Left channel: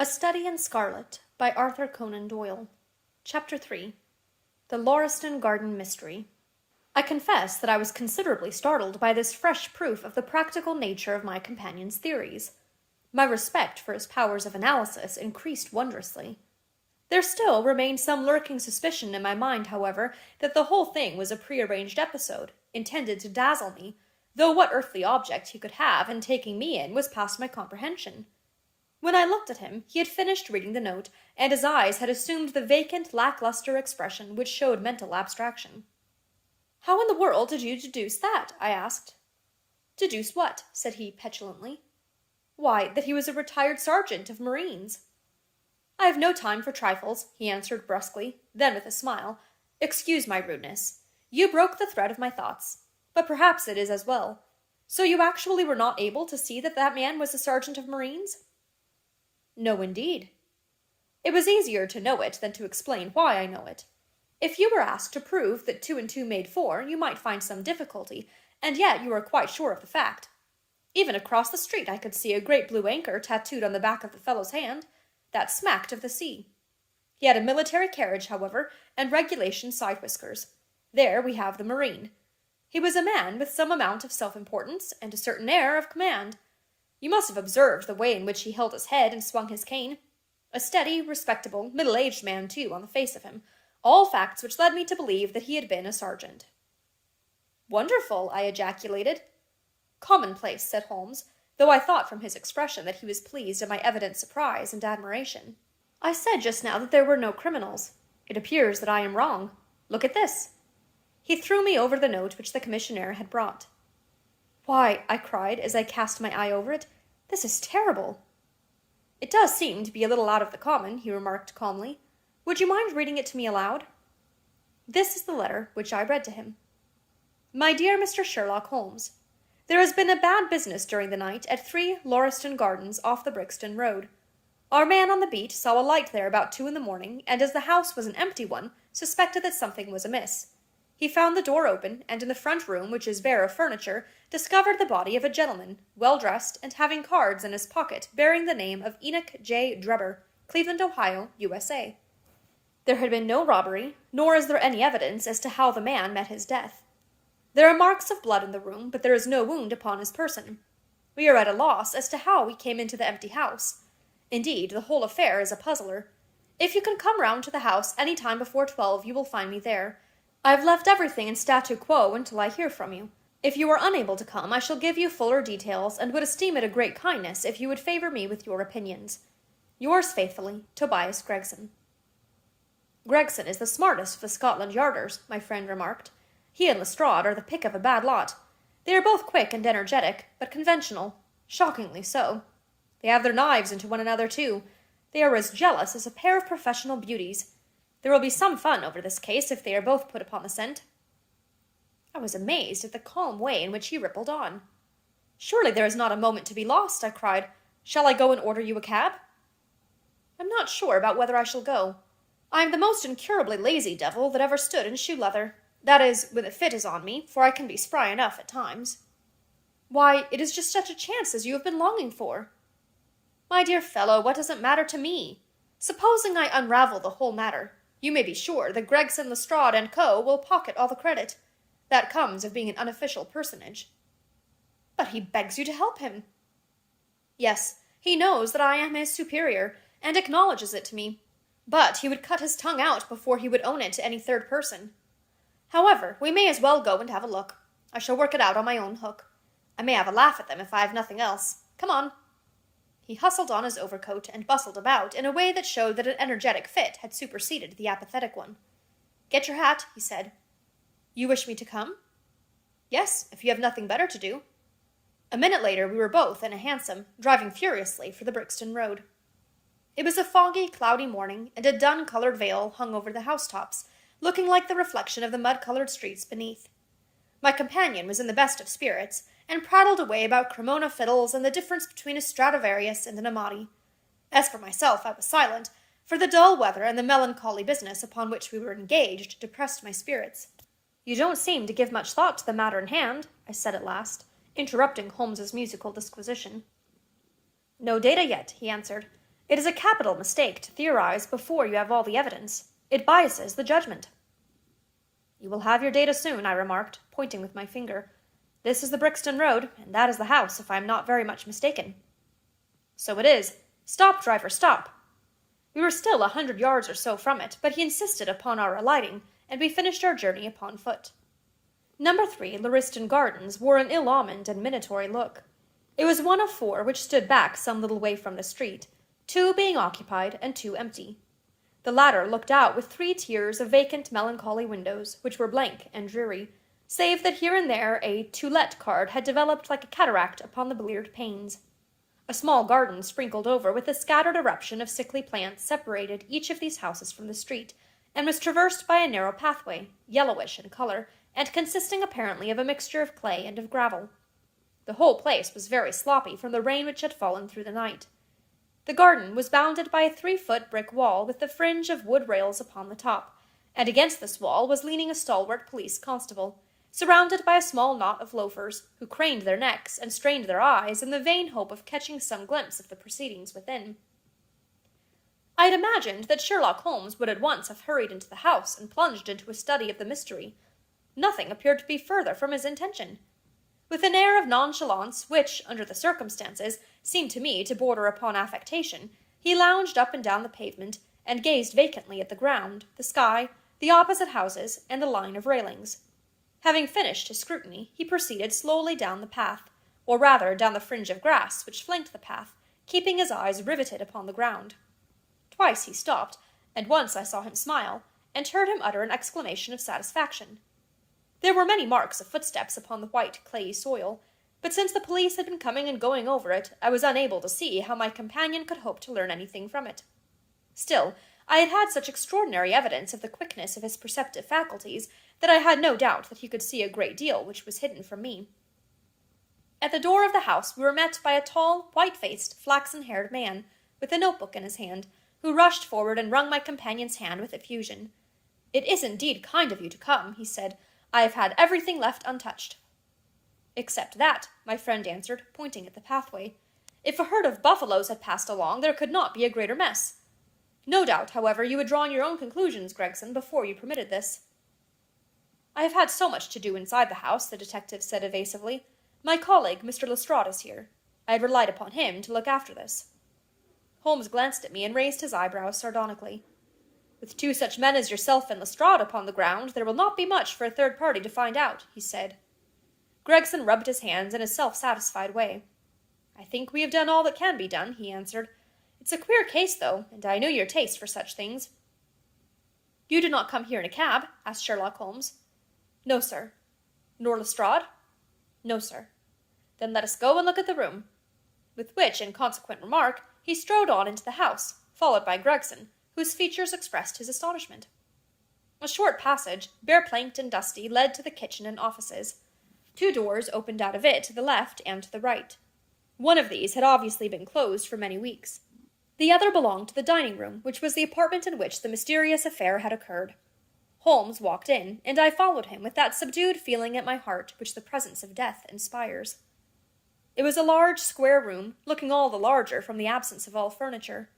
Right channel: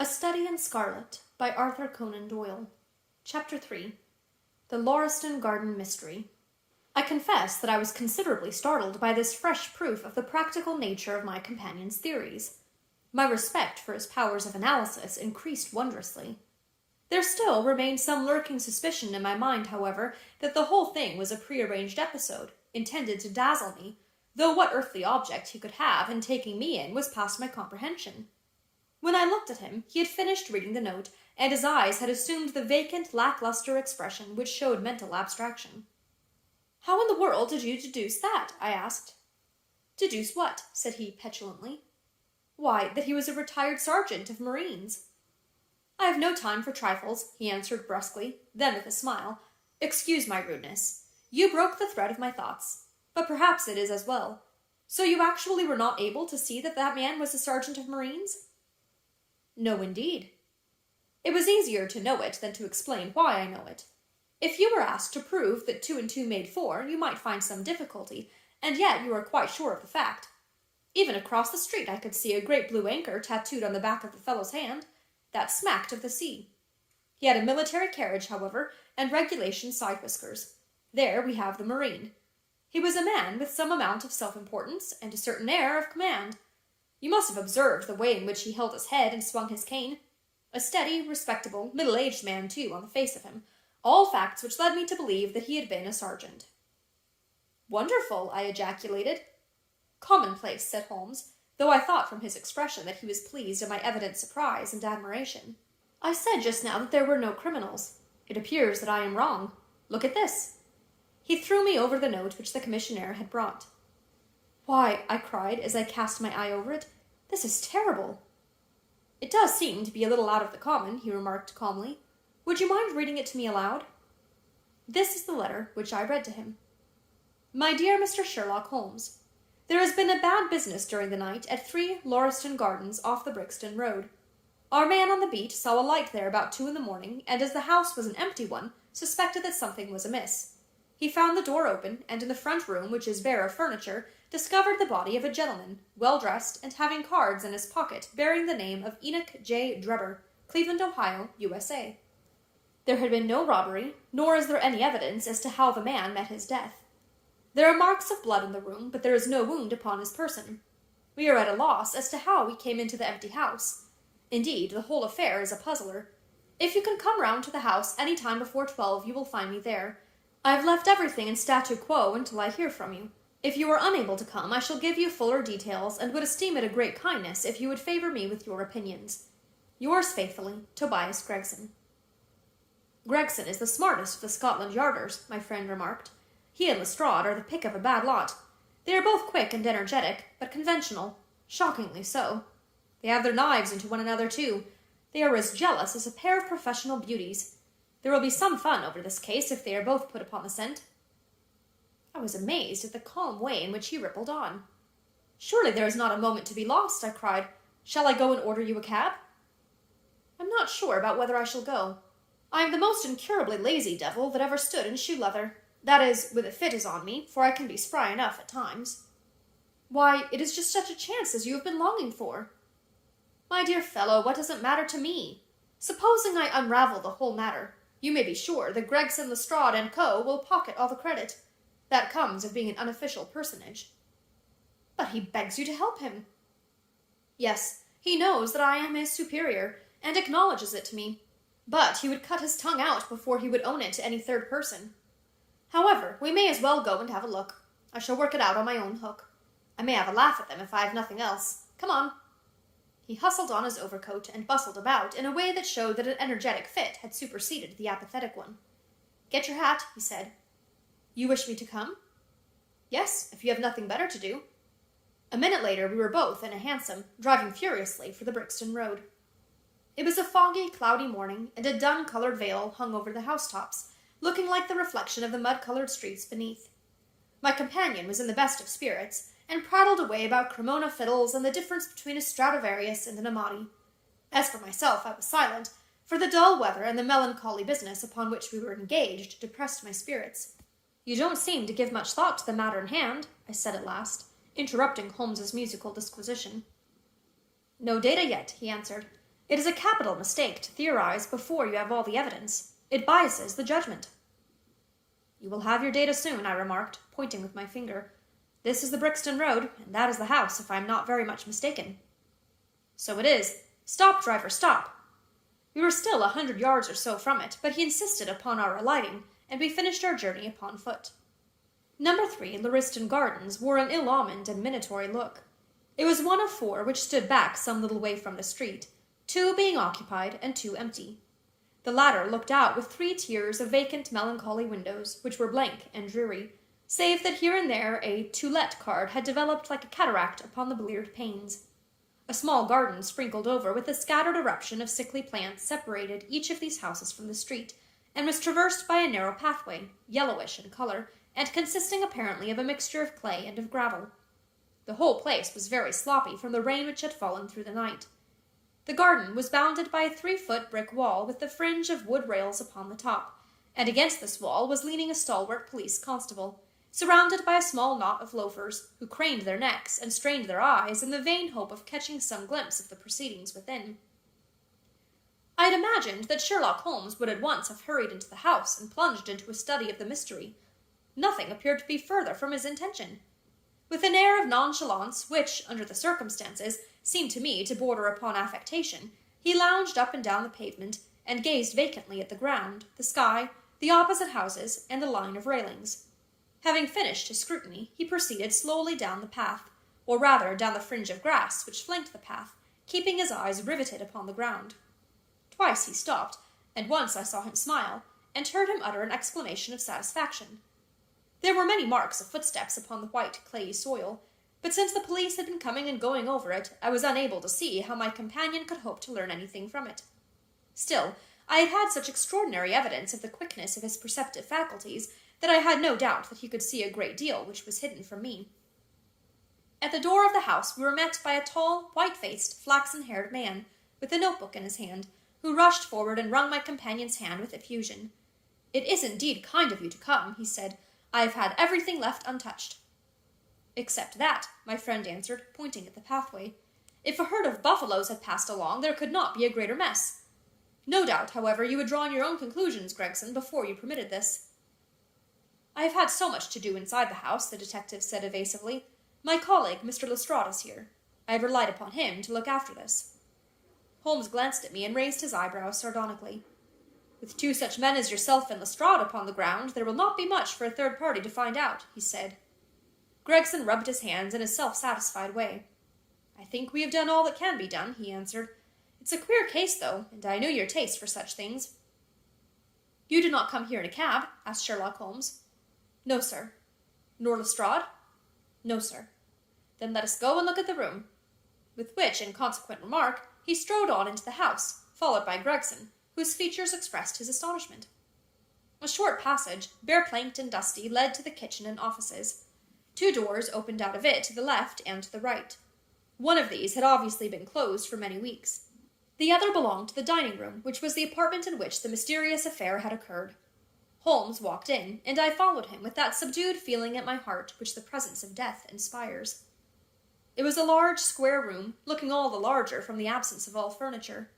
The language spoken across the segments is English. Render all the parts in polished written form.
A Study in Scarlet by Arthur Conan Doyle. Chapter 3. The Lauriston Garden Mystery. I confess that I was considerably startled by this fresh proof of the practical nature of my companion's theories. My respect for his powers of analysis increased wondrously. There still remained some lurking suspicion in my mind, however, that the whole thing was a prearranged episode, intended to dazzle me, though what earthly object he could have in taking me in was past my comprehension. When I looked at him, he had finished reading the note, and his eyes had assumed the vacant, lackluster expression which showed mental abstraction. "How in the world did you deduce that?" I asked. "Deduce what?" said he petulantly. "Why, that he was a retired sergeant of marines." "I have no time for trifles," he answered brusquely, then with a smile. "Excuse my rudeness. You broke the thread of my thoughts, but perhaps it is as well. So you actually were not able to see that that man was a sergeant of marines?" "No, indeed." "It was easier to know it than to explain why I know it. If you were asked to prove that 2 and 2 made 4, you might find some difficulty, and yet you are quite sure of the fact. Even across the street I could see a great blue anchor tattooed on the back of the fellow's hand. That smacked of the sea. He had a military carriage, however, and regulation side whiskers. There we have the marine. He was a man with some amount of self-importance and a certain air of command. You must have observed the way in which he held his head and swung his cane. A steady, respectable, middle-aged man, too, on the face of him. All facts which led me to believe that he had been a sergeant." "Wonderful!" I ejaculated. "Commonplace," said Holmes, though I thought from his expression that he was pleased at my evident surprise and admiration. "I said just now that there were no criminals. It appears that I am wrong. Look at this." He threw me over the note which the commissionaire had brought. "Why," I cried as I cast my eye over it, "this is terrible." "It does seem to be a little out of the common," he remarked calmly. "Would you mind reading it to me aloud?" This is the letter which I read to him. "My dear Mr. Sherlock Holmes, there has been a bad business during the night at 3 Lauriston Gardens off the Brixton Road. Our man on the beat saw a light there about 2 in the morning, and as the house was an empty one, suspected that something was amiss. He found the door open, and in the front room, which is bare of furniture, discovered the body of a gentleman, well dressed, and having cards in his pocket bearing the name of Enoch J. Drebber, Cleveland, Ohio, USA. There had been no robbery, nor is there any evidence as to how the man met his death. There are marks of blood in the room, but there is no wound upon his person. We are at a loss as to how he came into the empty house. Indeed, the whole affair is a puzzler. If you can come round to the house any time before 12, you will find me there. I've left everything in statu quo until I hear from you. If you are unable to come, I shall give you fuller details, and would esteem it a great kindness if you would favor me with your opinions. Yours faithfully, Tobias Gregson." "Gregson is the smartest of the Scotland Yarders," my friend remarked. "He and Lestrade are the pick of a bad lot. They are both quick and energetic, but conventional. Shockingly so. They have their knives into one another, too. They are as jealous as a pair of professional beauties. There will be some fun over this case if they are both put upon the scent." I was amazed at the calm way in which he rippled on. "Surely there is not a moment to be lost," I cried. "Shall I go and order you a cab?" "I'm not sure about whether I shall go. I am the most incurably lazy devil that ever stood in shoe leather. That is, when the fit is on me, for I can be spry enough at times." "Why, it is just such a chance as you have been longing for." "My dear fellow, what does it matter to me? Supposing I unravel the whole matter, you may be sure that Gregson, Lestrade, and Co. will pocket all the credit. That comes of being an unofficial personage." "But he begs you to help him." "Yes, he knows that I am his superior, and acknowledges it to me. But he would cut his tongue out before he would own it to any third person. However, we may as well go and have a look. I shall work it out on my own hook. I may have a laugh at them if I have nothing else. Come on." He hustled on his overcoat and bustled about in a way that showed that an energetic fit had superseded the apathetic one. "Get your hat," he said. "You wish me to come?" "Yes, if you have nothing better to do." A minute later we were both in a hansom, driving furiously for the Brixton Road. It was a foggy, cloudy morning, and a dun-colored veil hung over the housetops, looking like the reflection of the mud-colored streets beneath. My companion was in the best of spirits, and prattled away about Cremona fiddles and the difference between a Stradivarius and an Amati. As for myself, I was silent, for the dull weather and the melancholy business upon which we were engaged depressed my spirits. "You don't seem to give much thought to the matter in hand," I said at last, interrupting Holmes's musical disquisition. "No data yet," he answered. It is a capital mistake to theorize before you have all the evidence. It biases the judgment. You will have your data soon, I remarked, pointing with my finger. This is the Brixton Road, and that is the house, if I am not very much mistaken. So it is. Stop, driver, stop. We were still 100 yards or so from it, but he insisted upon our alighting, and we finished our journey upon foot. Number 3, Lauriston Gardens, wore an ill-omened and minatory look. It was one of 4 which stood back some little way from the street, 2 being occupied and 2 empty. The latter looked out with 3 tiers of vacant, melancholy windows, which were blank and dreary, save that here and there a "To Let" card had developed like a cataract upon the bleared panes. A small garden sprinkled over with a scattered eruption of sickly plants separated each of these houses from the street, and was traversed by a narrow pathway, yellowish in color, and consisting apparently of a mixture of clay and of gravel. The whole place was very sloppy from the rain which had fallen through the night. The garden was bounded by a 3-foot brick wall with the fringe of wood rails upon the top, and against this wall was leaning a stalwart police constable, surrounded by a small knot of loafers, who craned their necks and strained their eyes in the vain hope of catching some glimpse of the proceedings within. I had imagined that Sherlock Holmes would at once have hurried into the house and plunged into a study of the mystery. Nothing appeared to be further from his intention. With an air of nonchalance, which, under the circumstances, seemed to me to border upon affectation, he lounged up and down the pavement, and gazed vacantly at the ground, the sky, the opposite houses, and the line of railings. Having finished his scrutiny, he proceeded slowly down the path, or rather down the fringe of grass which flanked the path, keeping his eyes riveted upon the ground. Twice he stopped, and once I saw him smile, and heard him utter an exclamation of satisfaction. There were many marks of footsteps upon the white, clayey soil, but since the police had been coming and going over it, I was unable to see how my companion could hope to learn anything from it. Still, I had had such extraordinary evidence of the quickness of his perceptive faculties that I had no doubt that he could see a great deal which was hidden from me. At the door of the house we were met by a tall, white-faced, flaxen-haired man, with a notebook in his hand, who rushed forward and wrung my companion's hand with effusion. "It is indeed kind of you to come," he said. "I have had everything left untouched." "Except that," my friend answered, pointing at the pathway. "If a herd of buffaloes had passed along, there could not be a greater mess. No doubt, however, you had drawn your own conclusions, Gregson, before you permitted this." "I have had so much to do inside the house," the detective said evasively. "My colleague, Mr. Lestrade, is here. I have relied upon him to look after this." Holmes glanced at me and raised his eyebrows sardonically. "With 2 such men as yourself and Lestrade upon the ground, there will not be much for a third party to find out," he said. Gregson rubbed his hands in a self-satisfied way. "I think we have done all that can be done," he answered. "It's a queer case, though, and I know your taste for such things." "You did not come here in a cab?" asked Sherlock Holmes. "No, sir." "Nor Lestrade?" "No, sir." "Then let us go and look at the room." With which inconsequent remark, he strode on into the house, followed by Gregson, whose features expressed his astonishment. A short passage, bare-planked and dusty, led to the kitchen and offices. 2 doors opened out of it to the left and to the right. One of these had obviously been closed for many weeks. The other belonged to the dining room, which was the apartment in which the mysterious affair had occurred. Holmes walked in, and I followed him with that subdued feeling at my heart which the presence of death inspires. It was a large, square room, looking all the larger from the absence of all furniture.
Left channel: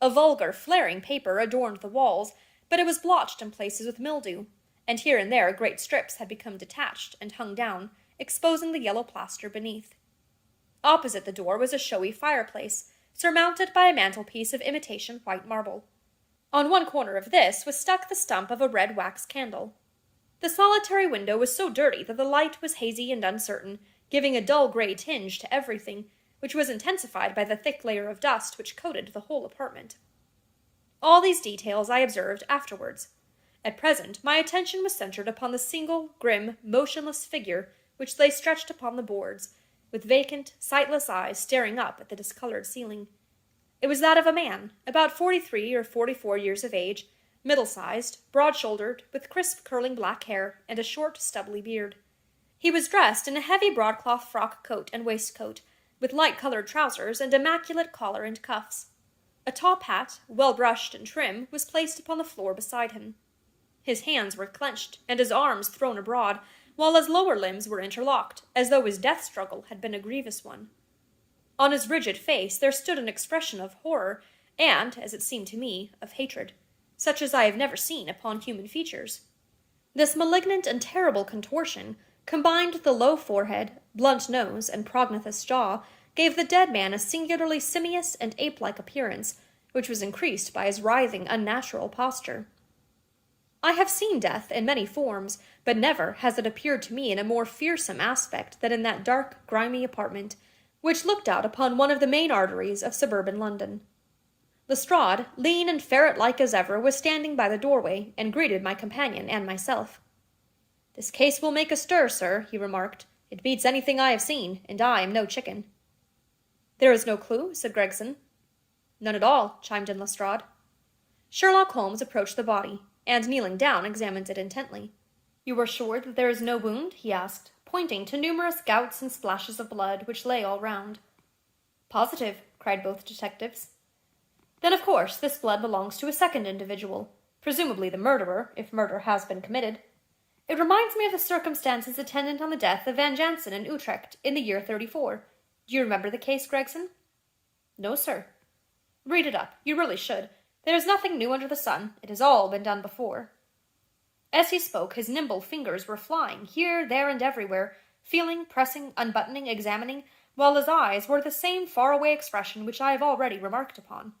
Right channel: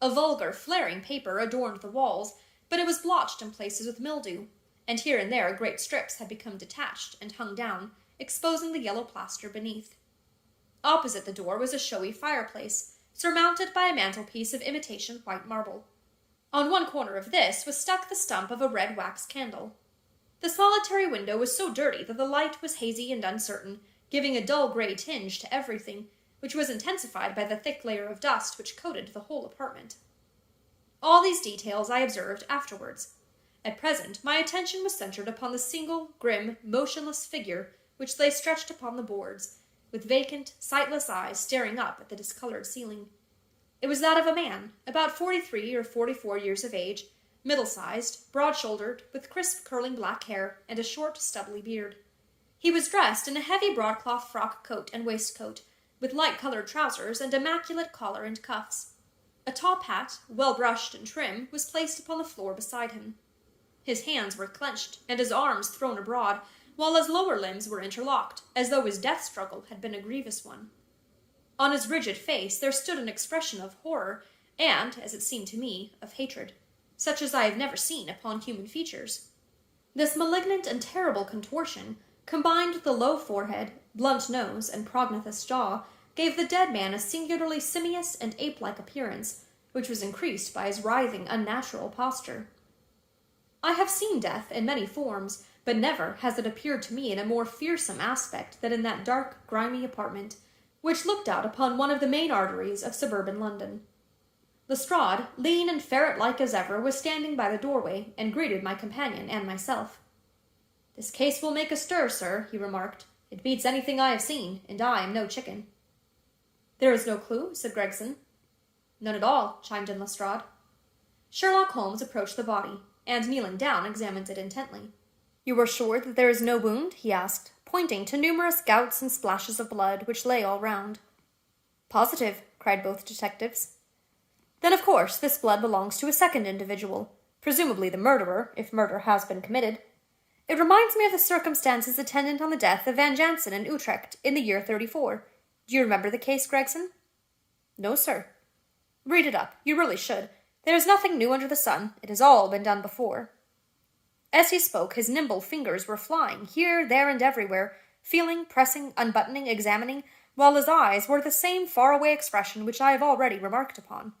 A vulgar, flaring paper adorned the walls, but it was blotched in places with mildew, and here and there great strips had become detached and hung down, exposing the yellow plaster beneath. Opposite the door was a showy fireplace, surmounted by a mantelpiece of imitation white marble. On one corner of this was stuck the stump of a red wax candle. The solitary window was so dirty that the light was hazy and uncertain, giving a dull grey tinge to everything, which was intensified by the thick layer of dust which coated the whole apartment. All these details I observed afterwards. At present my attention was centred upon the single, grim, motionless figure which lay stretched upon the boards, with vacant, sightless eyes staring up at the discoloured ceiling. It was that of a man, about 43 or 44 years of age, middle-sized, broad-shouldered, with crisp curling black hair, and a short, stubbly beard. He was dressed in a heavy broadcloth frock coat and waistcoat, with light-coloured trousers and immaculate collar and cuffs. A top hat, well-brushed and trim, was placed upon the floor beside him. His hands were clenched, and his arms thrown abroad, while his lower limbs were interlocked, as though his death struggle had been a grievous one. On his rigid face there stood an expression of horror, and, as it seemed to me, of hatred, such as I have never seen upon human features. This malignant and terrible contortion, combined with the low forehead, blunt nose, and prognathous jaw, gave the dead man a singularly simious and ape-like appearance, which was increased by his writhing, unnatural posture. I have seen death in many forms, but never has it appeared to me in a more fearsome aspect than in that dark, grimy apartment, which looked out upon one of the main arteries of suburban London. Lestrade, lean and ferret-like as ever, was standing by the doorway, and greeted my companion and myself. "This case will make a stir, sir," he remarked. "It beats anything I have seen, and I am no chicken." "There is no clue?" said Gregson. "None at all," chimed in Lestrade. Sherlock Holmes approached the body, and kneeling down, examined it intently. "You are sure that there is no wound?" he asked, pointing to numerous gouts and splashes of blood which lay all round. "Positive," cried both detectives. "Then, of course, this blood belongs to a second individual, presumably the murderer, if murder has been committed. It reminds me of the circumstances attendant on the death of Van Jansen in Utrecht in the year 34. Do you remember the case, Gregson?" "No, sir." "Read it up. You really should. There is nothing new under the sun. It has all been done before." As he spoke, his nimble fingers were flying here, there, and everywhere, feeling, pressing, unbuttoning, examining, while his eyes wore the same far-away expression which I have already remarked upon.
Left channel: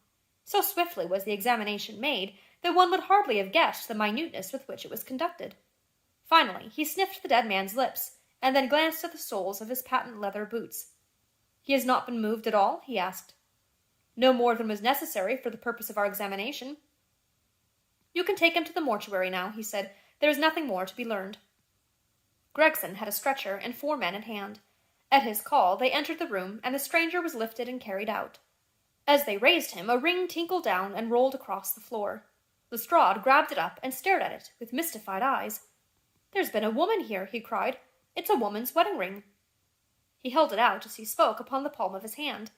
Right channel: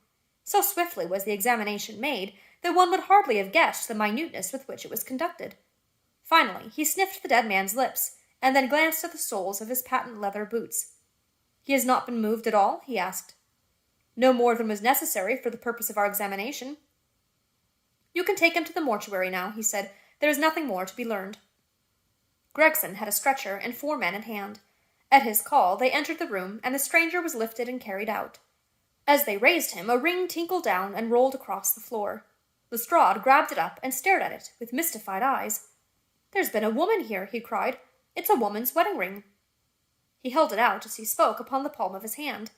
So swiftly was the examination made that one would hardly have guessed the minuteness with which it was conducted. Finally, he sniffed the dead man's lips, and then glanced at the soles of his patent leather boots. "He has not been moved at all?" he asked. "No more than was necessary for the purpose of our examination." "You can take him to the mortuary now," he said. "There is nothing more to be learned." Gregson had a stretcher and 4 men at hand. At his call, they entered the room, and the stranger was lifted and carried out. As they raised him, a ring tinkled down and rolled across the floor. Lestrade grabbed it up and stared at it with mystified eyes. "There's been a woman here," he cried. "It's a woman's wedding ring." He held it out as he spoke upon the palm of his hand.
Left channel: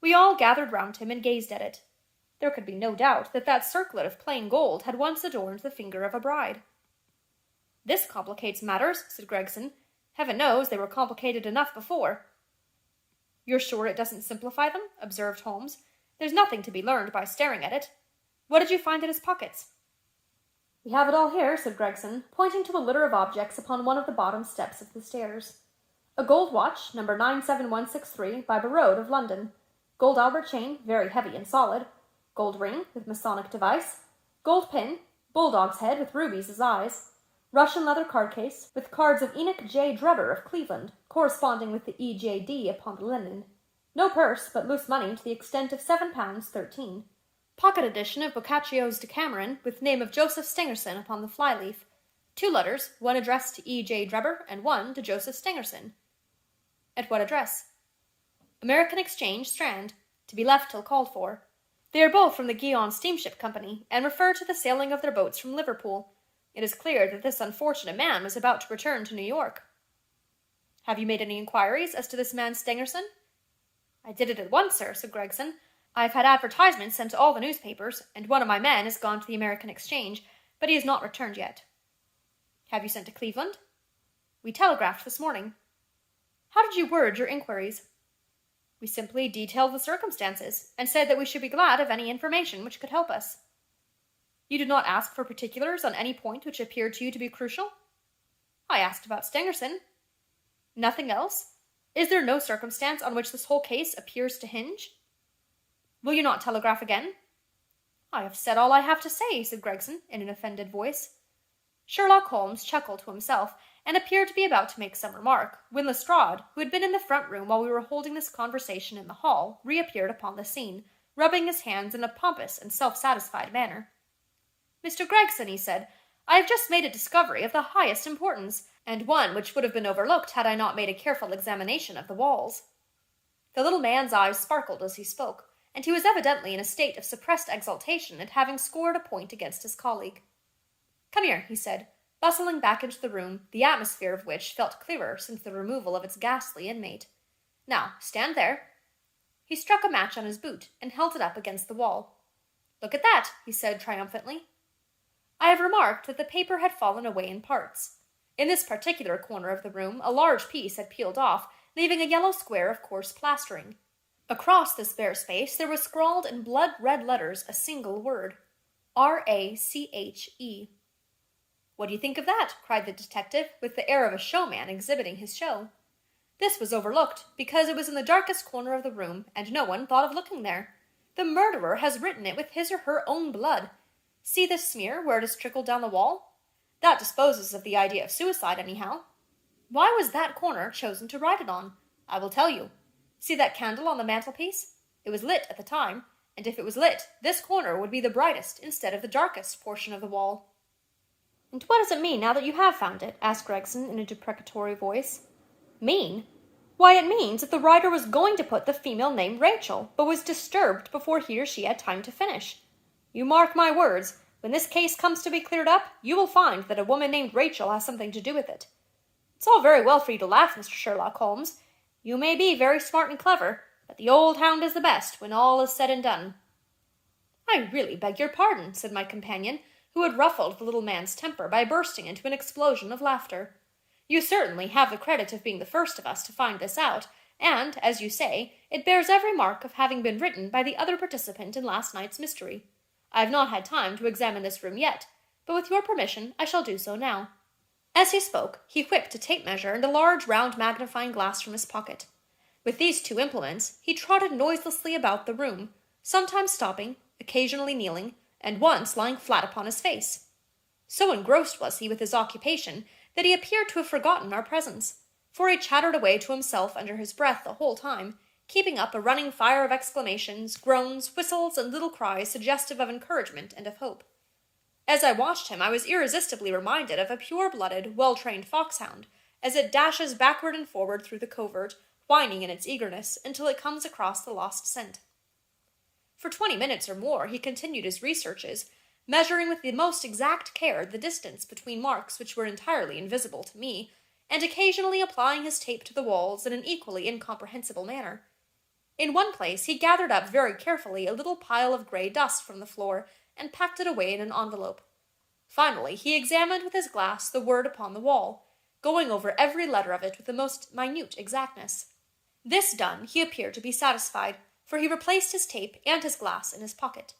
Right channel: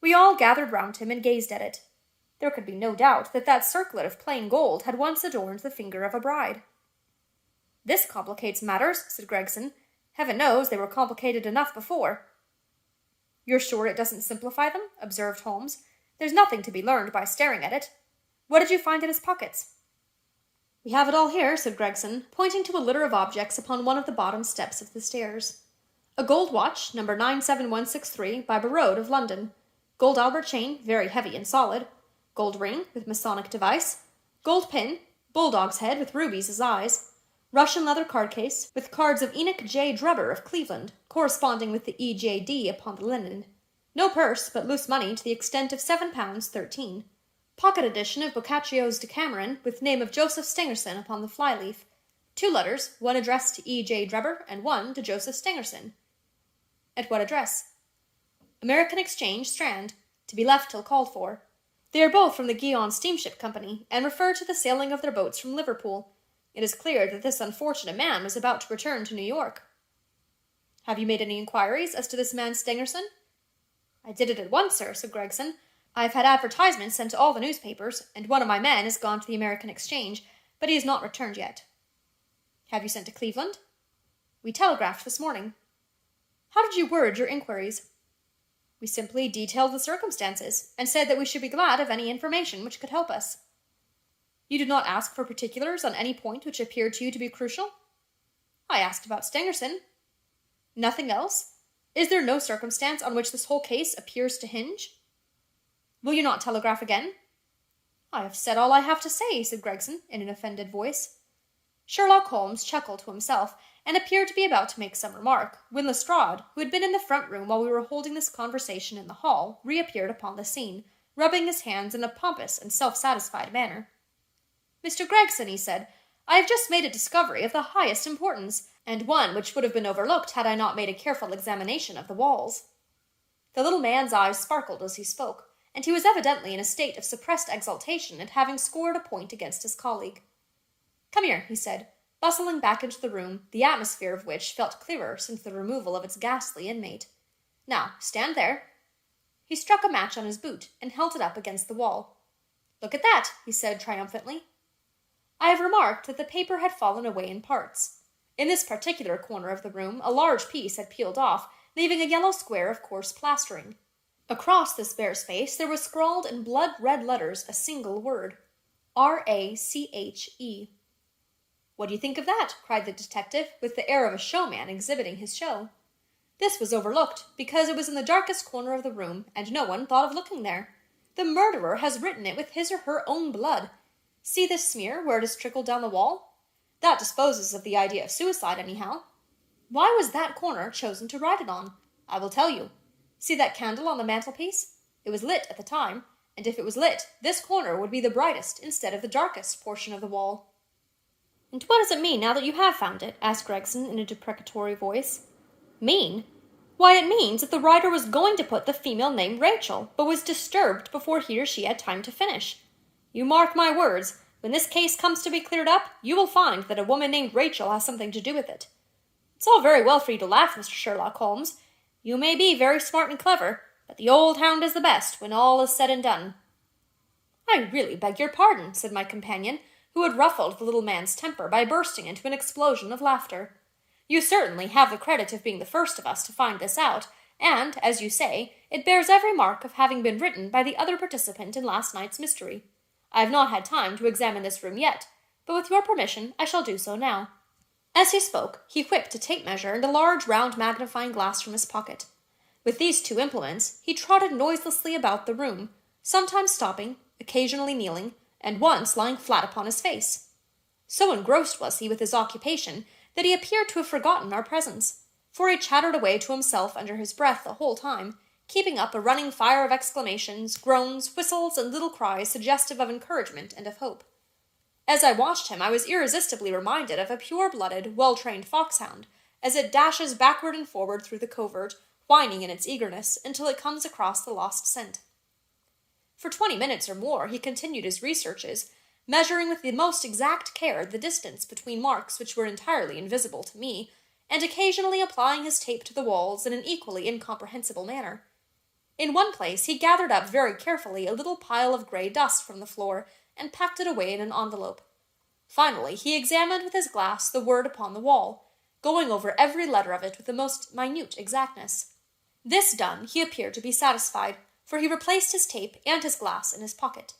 We all gathered round him and gazed at it. There could be no doubt that that circlet of plain gold had once adorned the finger of a bride. "This complicates matters," said Gregson. "Heaven knows they were complicated enough before." "You're sure it doesn't simplify them?" observed Holmes. "There's nothing to be learned by staring at it. What did you find in his pockets?" "We have it all here," said Gregson, pointing to a litter of objects upon one of the bottom steps of the stairs. "A gold watch, number 97163, by Barode of London. Gold Albert chain, very heavy and solid. Gold ring, with Masonic device. Gold pin, bulldog's head with rubies as eyes. Russian leather card case, with cards of Enoch J. Drebber of Cleveland, corresponding with the EJD upon the linen. No purse, but loose money to the extent of £7 13. Pocket edition of Boccaccio's Decameron, with name of Joseph Stangerson upon the flyleaf. 2 letters, one addressed to E.J. Drebber and one to Joseph Stangerson." "At what address?" "American Exchange, Strand, to be left till called for. They are both from the Guion Steamship Company, and refer to the sailing of their boats from Liverpool. It is clear that this unfortunate man was about to return to New York." "Have you made any inquiries as to this man Stangerson?" "I did it at once, sir," said Gregson. "I've had advertisements sent to all the newspapers, and one of my men has gone to the American Exchange, but he has not returned yet." "Have you sent to Cleveland?" "We telegraphed this morning." "How did you word your inquiries?" "We simply detailed the circumstances, and said that we should be glad of any information which could help us." "You did not ask for particulars on any point which appeared to you to be crucial?" "I asked about Stangerson." "Nothing else? Is there no circumstance on which this whole case appears to hinge?" "Will you not telegraph again?" "I have said all I have to say," said Gregson, in an offended voice. Sherlock Holmes chuckled to himself, and appeared to be about to make some remark, when Lestrade, who had been in the front room while we were holding this conversation in the hall, reappeared upon the scene, rubbing his hands in a pompous and self-satisfied manner. "Mr. Gregson," he said, "I have just made a discovery of the highest importance, and one which would have been overlooked had I not made a careful examination of the walls." The little man's eyes sparkled as he spoke, and he was evidently in a state of suppressed exultation at having scored a point against his colleague. "Come here," he said, bustling back into the room, the atmosphere of which felt clearer since the removal of its ghastly inmate. "Now, stand there." He struck a match on his boot, and held it up against the wall. "Look at that," he said triumphantly. I have remarked that the paper had fallen away in parts. In this particular corner of the room, a large piece had peeled off, leaving a yellow square of coarse plastering. Across this bare space there was scrawled in blood-red letters a single word: R-A-C-H-E. "What do you think of that?" cried the detective, with the air of a showman exhibiting his show. This was overlooked, because it was in the darkest corner of the room, and no one thought of looking there. "The murderer has written it with his or her own blood. See this smear, where it has trickled down the wall? That disposes of the idea of suicide, anyhow. Why was that corner chosen to write it on? I will tell you. See that candle on the mantelpiece? It was lit at the time, and if it was lit, this corner would be the brightest instead of the darkest portion of the wall." "And what does it mean now that you have found it?" asked Gregson in a deprecatory voice. "Mean? Why, it means that the writer was going to put the female name Rachel, but was disturbed before he or she had time to finish. You mark my words, when this case comes to be cleared up, you will find that a woman named Rachel has something to do with it. It's all very well for you to laugh, Mr. Sherlock Holmes. You may be very smart and clever, but the old hound is the best when all is said and done." "I really beg your pardon," said my companion, who had ruffled the little man's temper by bursting into an explosion of laughter. "You certainly have the credit of being the first of us to find this out, and, as you say, it bears every mark of having been written by the other participant in last night's mystery. I have not had time to examine this room yet, but with your permission I shall do so now." As he spoke, he whipped a tape measure and a large round magnifying glass from his pocket. With these two implements, he trotted noiselessly about the room, sometimes stopping, occasionally kneeling, and once lying flat upon his face. So engrossed was he with his occupation that he appeared to have forgotten our presence, for he chattered away to himself under his breath the whole time, keeping up a running fire of exclamations, groans, whistles, and little cries suggestive of encouragement and of hope. As I watched him, I was irresistibly reminded of a pure-blooded, well-trained foxhound, as it dashes backward and forward through the covert, whining in its eagerness until it comes across the lost scent. For 20 minutes or more he continued his researches, measuring with the most exact care the distance between marks which were entirely invisible to me, and occasionally applying his tape to the walls in an equally incomprehensible manner. In one place he gathered up very carefully a little pile of grey dust from the floor, and packed it away in an envelope. Finally, he examined with his glass the word upon the wall, going over every letter of it with the most minute exactness. This done, he appeared to be satisfied, for he replaced his tape and his glass in his pocket.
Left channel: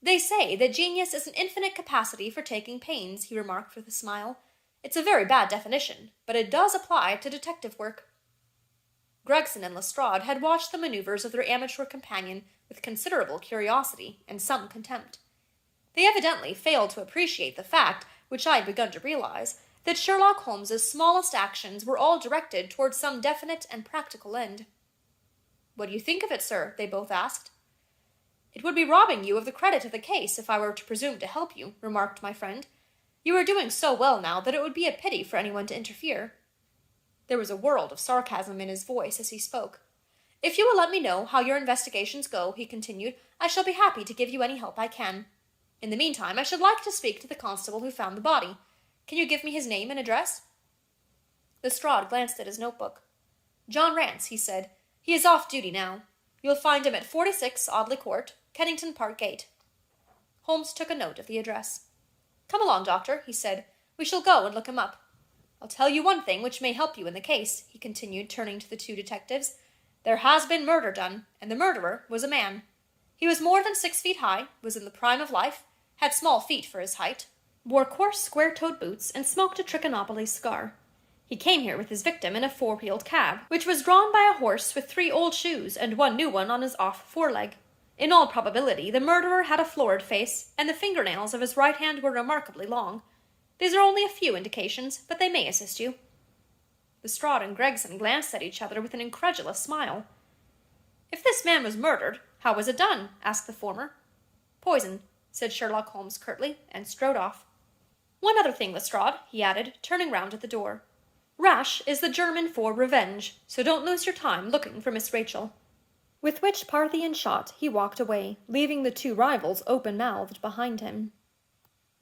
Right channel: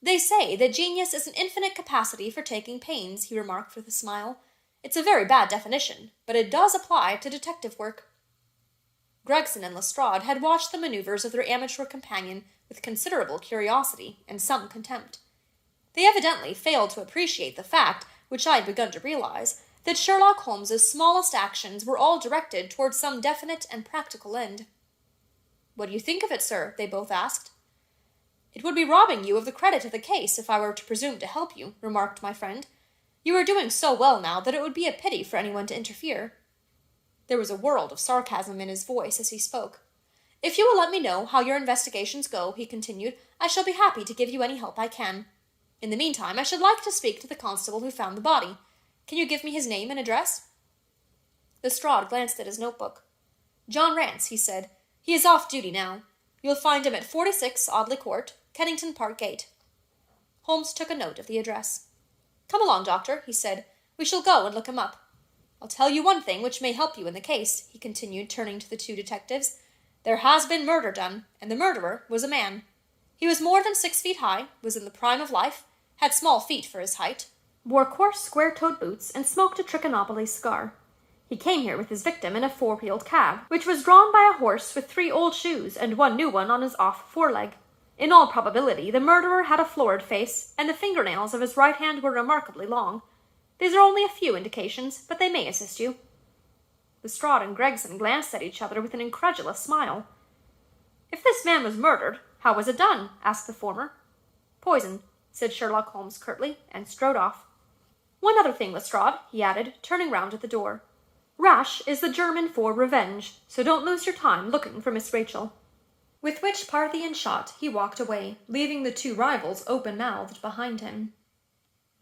"They say that genius is an infinite capacity for taking pains," he remarked with a smile. "It's a very bad definition, but it does apply to detective work." Gregson and Lestrade had watched the maneuvers of their amateur companion with considerable curiosity and some contempt. They evidently failed to appreciate the fact, which I had begun to realize, that Sherlock Holmes's smallest actions were all directed towards some definite and practical end. "What do you think of it, sir?" they both asked. "It would be robbing you of the credit of the case if I were to presume to help you," remarked my friend. "You are doing so well now that it would be a pity for anyone to interfere." There was a world of sarcasm in his voice as he spoke. "If you will let me know how your investigations go," he continued, "I shall be happy to give you any help I can. In the meantime, I should like to speak to the constable who found the body. Can you give me his name and address?" Lestrade glanced at his notebook. "John Rance," he said. "He is off duty now. You'll find him at 46 Audley Court, Kennington Park Gate." Holmes took a note of the address. "Come along, doctor," he said. "We shall go and look him up. I'll tell you one thing which may help you in the case," he continued, turning to the two detectives. "There has been murder done, and the murderer was a man. He was more than 6 feet high, was in the prime of life, had small feet for his height, wore coarse square-toed boots, and smoked a Trichinopoly cigar. He came here with his victim in a 4-wheeled cab, which was drawn by a horse with 3 old shoes and 1 new one on his off foreleg. In all probability, the murderer had a florid face, and the fingernails of his right hand were remarkably long. These are only a few indications, but they may assist you." Lestrade and Gregson glanced at each other with an incredulous smile. "If this man was murdered, how was it done?" asked the former. "Poison," said Sherlock Holmes curtly, and strode off. "One other thing, Lestrade," he added, turning round at the door. "Rash is the German for revenge, so don't lose your time looking for Miss Rachel." With which Parthian shot he walked away, leaving the two rivals open-mouthed behind him.